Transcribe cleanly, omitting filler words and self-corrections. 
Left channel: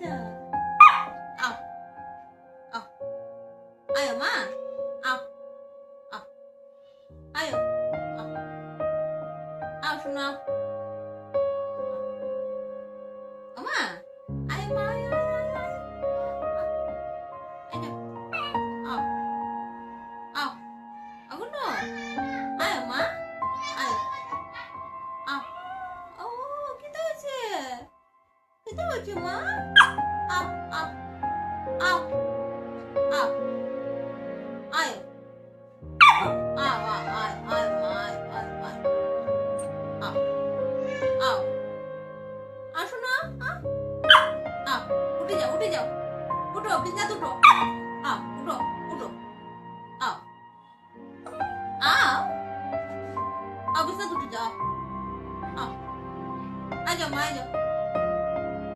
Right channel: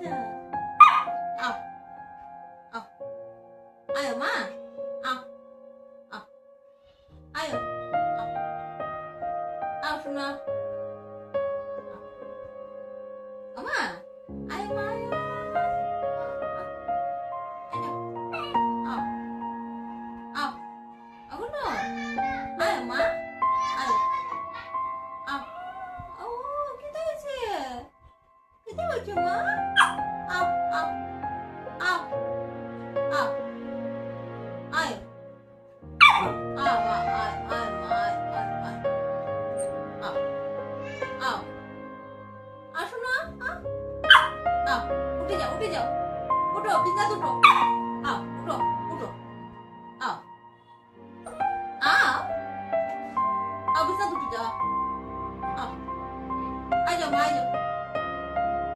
যা আও আও আয় মা আও আও আয় আও আও শোনা আমা আয় মা আয় আয় আও আও আগুন আয় মা আয় আও ও কিতা হয়েছে কিতা হয়েছে মা আও আও আও আও আয় আয় আয় আয় আয় আয় আয় আও আও আসো না আও উঠে যাও উঠো বিছানা উঠো আও উঠো আও আও আও বিছানা উঠে যাও আও আয় যাও মা আয় যাও